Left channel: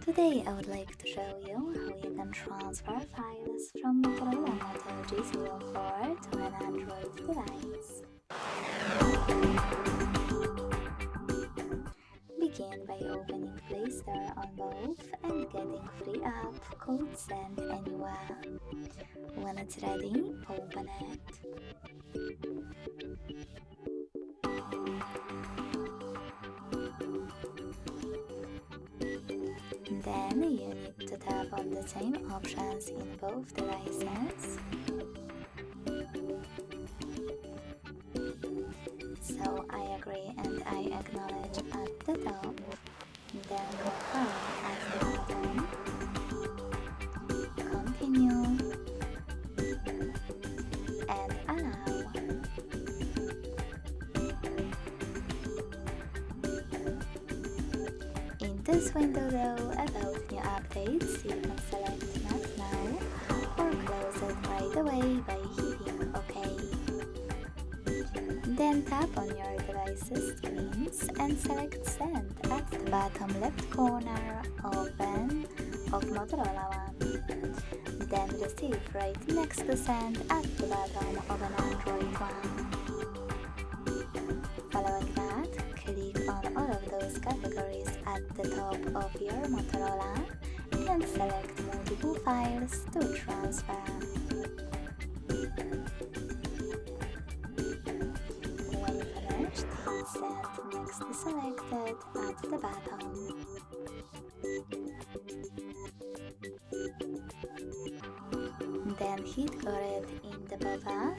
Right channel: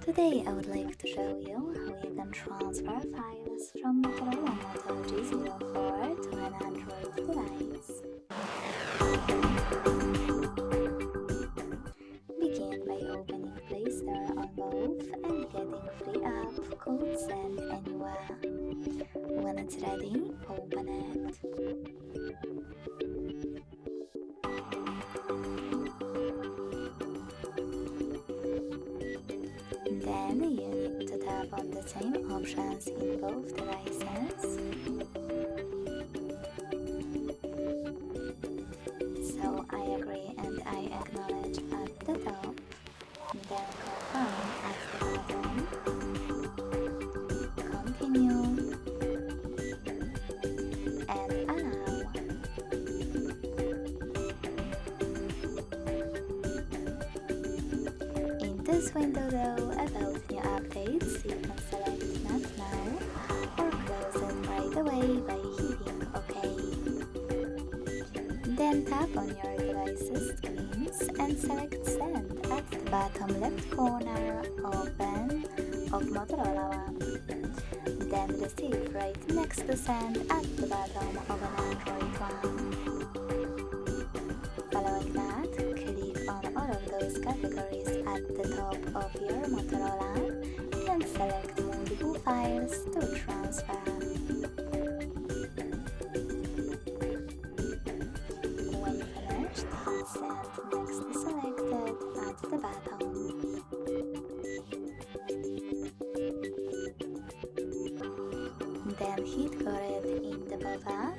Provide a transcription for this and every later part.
Today I would like to show you how you can transfer files from Motorola Moto G04 to an Android device. Begin by opening Play Store on both and getting free app called Send Anywhere. When it's ready, open it. Then you need to tap on the same options in both devices. So I agree and I acknowledge at the top, then confirm at the bottom, continue, and allow. In this window though, about new updates, you can select Not Now or close it right away by hitting OK. Then tap on your device's screens and select Send at the bottom left corner of Motorola one. Then Receive right next to Send at the bottom of an Android one. Following that, click on all of those categories at the top of your Motorola and select multiple files to transfer. When finished, hit Send next to Selected at the bottom. Then hit Got It in the pop-up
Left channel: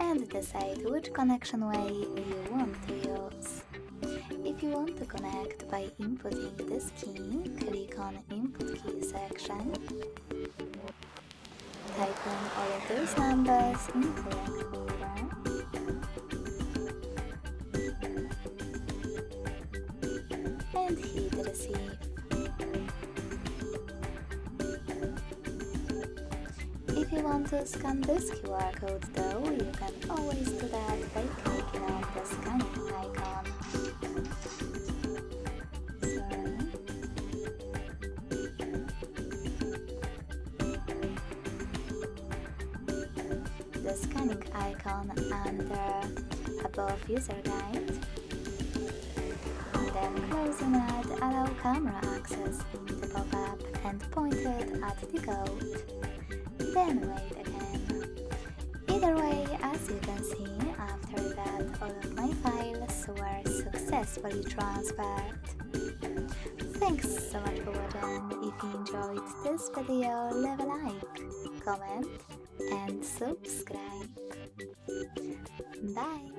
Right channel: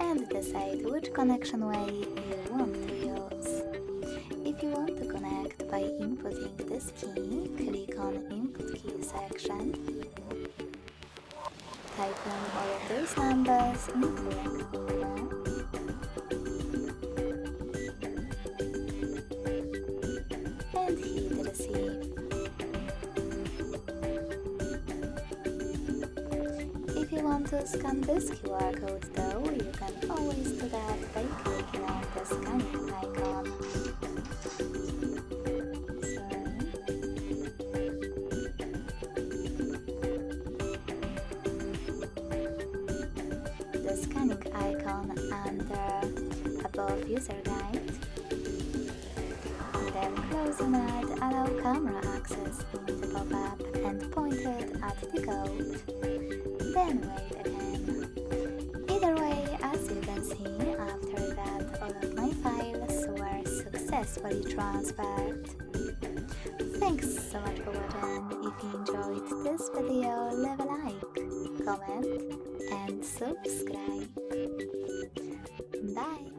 and decide which connection way you want to use. If you want to connect by inputting this key, click on Input Key section. Type in all of those numbers in correct order. And hit Receive. If you want to scan this QR code though, you can always do that by clicking on the scanning icon. The scanning icon under above User Guide. Then closing it, allow camera access in the pop-up and point it at the code. Then wait again. Either way, as you can see, after that all of my files were successfully transferred. Thanks so much for watching. If you enjoyed this video, leave a like, comment and subscribe. Bye!